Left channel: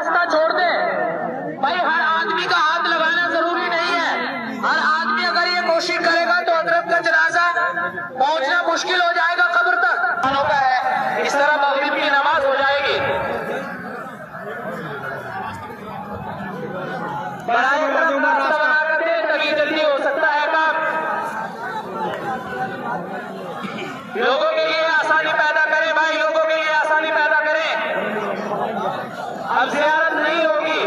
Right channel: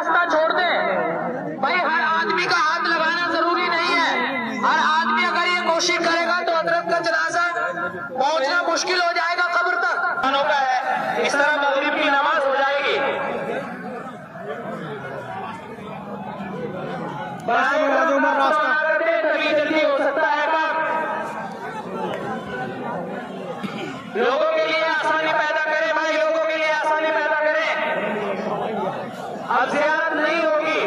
रास्ता छोड़ दें। भाई हर आदमी का हाथ लगाना जरूरी नहीं है। हर आदमी अगर ये कोशिश करेगा तो हजरत का जनाजा पहुंचना मुश्किल हो जाएगा कब्र तक। का है इस तरह मगरिब की नमाज हो जाएगी। बना कर दे तभी जल्दी हो सकता है काम। लोगों के लिए आसानी पैदा करें भाई, लोगों के लिए आसानी पैदा करें। अब ज़ियारत नहीं होगी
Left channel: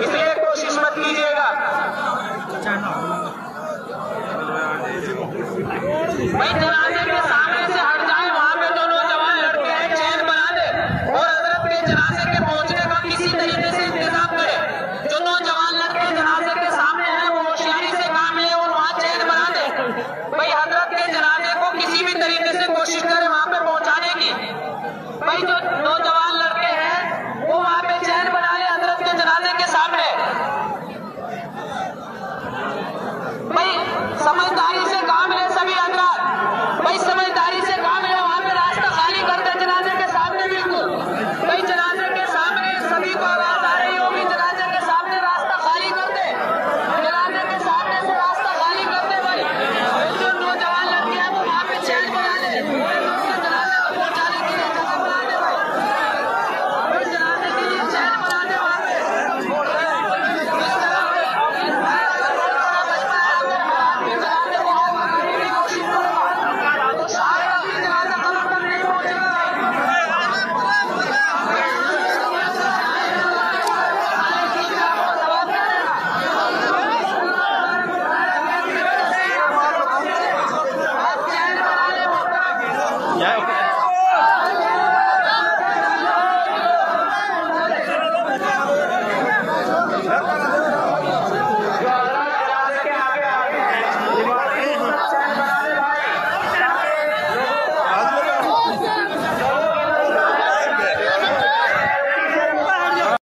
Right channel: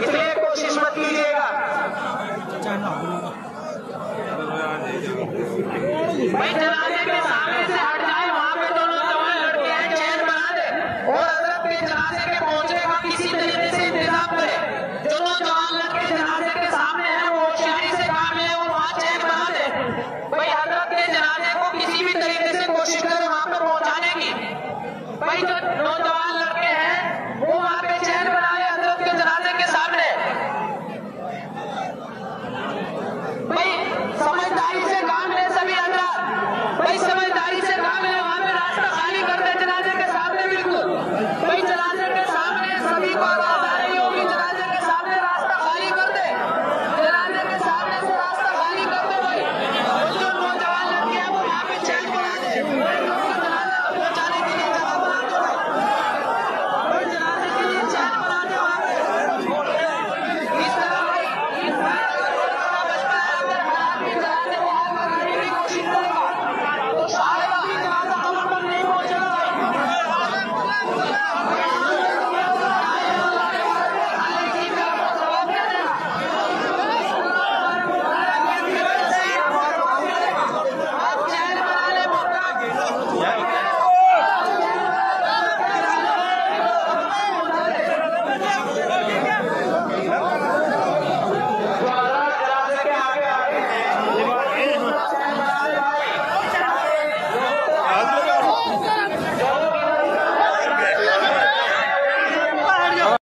इसलिए कोशिश मत कीजिएगा। भाई जनाजे के सामने से हट जाए, वहां पे जो नौजवान लड़के हैं चैन बना दे और हजरत के जनाजे के पहुंचने का किसी तरीके से इंतजाम करे। जो नौजवान लड़के जनाजे के सामने हैं वो होशियारी से काम है और वहां चैन बना दे। भाई हजरत के जनाजे को किसी भी तरीके से कोशिश करे वहां पे पहुंचाने की। भाई जो